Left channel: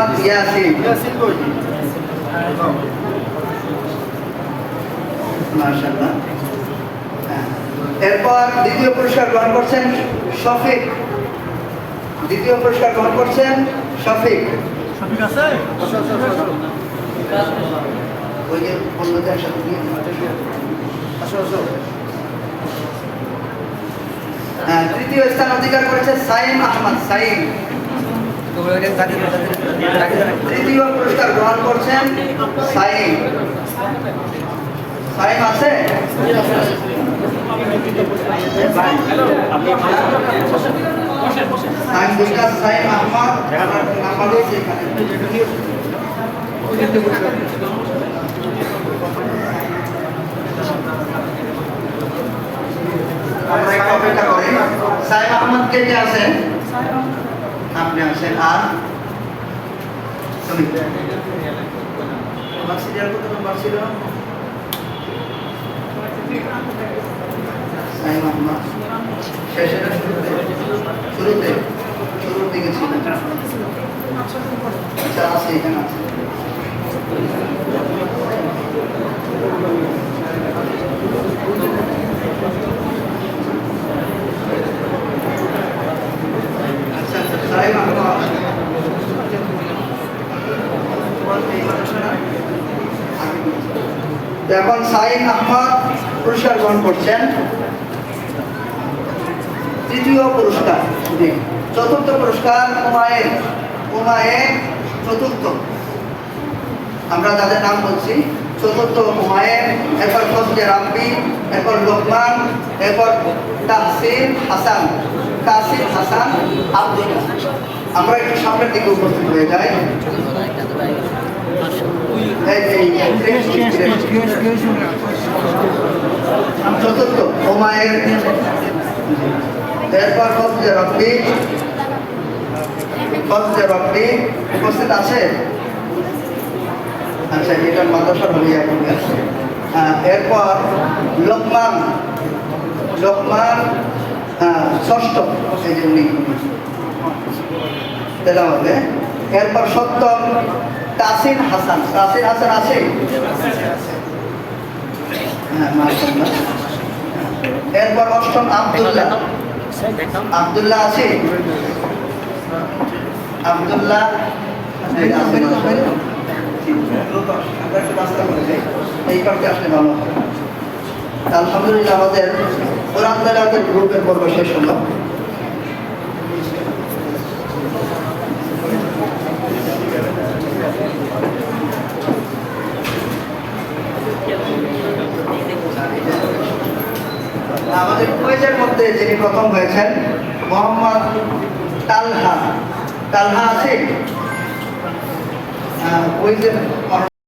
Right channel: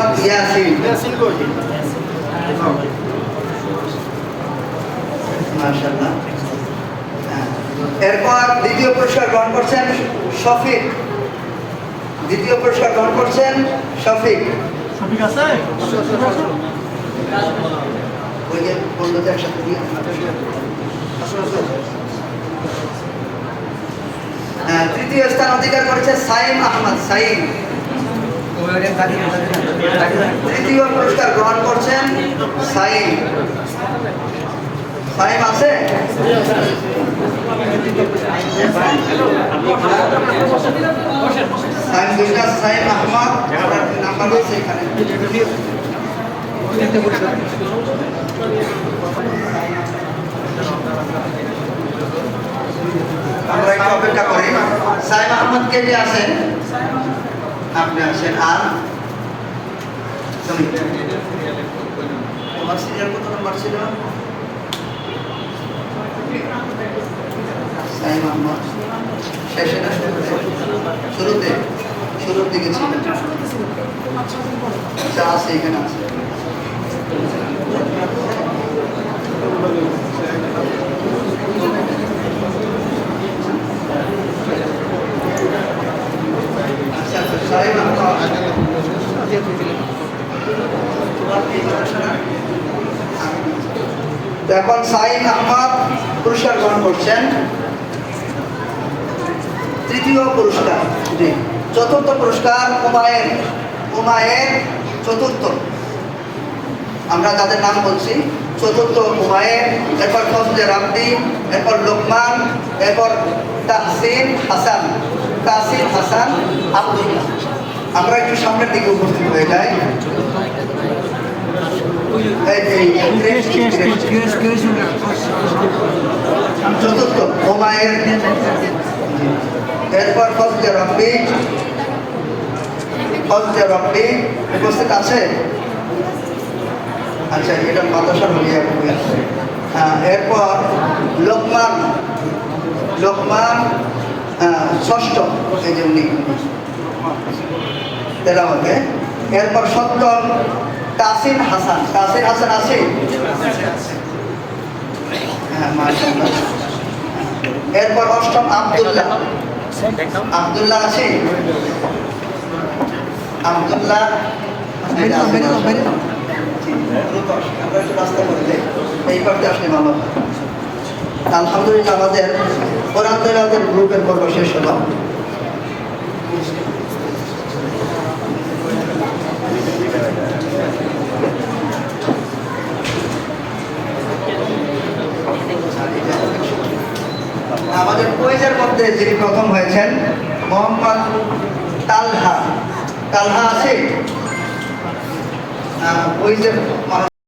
মোহাম্মদ ইয়াসিন। হ্যাঁ। এরপর দ্বিতীয় পুরস্কার গ্রহণ করছেন শফিক। দ্বিতীয় পুরস্কার গ্রহণ করছেন শফিক। ওই যে বন্ধুদের সাথে দিয়ে। হ্যাঁ, তৃতীয় স্থান অধিকার করেছে সাইম আহমদ সাইম। তৃতীয় পুরস্কার গ্রহণ করছেন সাইম সাইম আছে সাইম দুইটা সাইম আহমদ নাম্বার এখানে আমরা একটু অপেক্ষা করি। সাইম আহমদ কে কে আছেন? আপনি আসেন। আর? তুমি তোমার সিরিয়াল কত নম্বর ছিল সাইম শেষে না শুরুতে? শুরুতে? শুরুর দিকে ছিল। আচ্ছা আছে এখানে আছে আচ্ছা আচ্ছা সাইম আহমদ তোমার এই কথা শোনা তো এখন সাইম আহমদ পুরস্কার গ্রহণ করছেন। তৃতীয় পুরস্কার, জি, চতুর্থ পুরস্কার উমায়ের উমায়ের চতুর্থ। আমরা যাদের নাম বলছি, চতুর্থ উমায়ের, এরপর ফজলে রাব্দি এরপর লোকমান, এরপর তাহসিন হাসান তাহসিন হাসান আব্দুল্লাহ। আমরা একটু সামনের দিকে উপস্থিত হয়ে যাই। চতুর্থ হুমায়ের এরপর ফজলে রব্বি ফজলে রব্বি উপস্থিত আছে আচ্ছা এটা মাদ্রাসা বলিয়া এরপর লোকমান লোকমান ষষ্ঠ, এই জন্য তেলামতে এরপর সপ্তম তাসিন হাসান। তাসিন হাসান আছে? হ্যাঁ এরপর অষ্টম আব্দুল্লাহ। আব্দুল্লাহ আছে? আলহামদুলিল্লাহ আমাদের কোরআন গ্রুপের পর্ব শেষ হলো। আমাদের কুইজের মধ্যে যিনি প্রথম হয়েছেন মোহাম্মদ তালহা। তালহা আছে কুইজের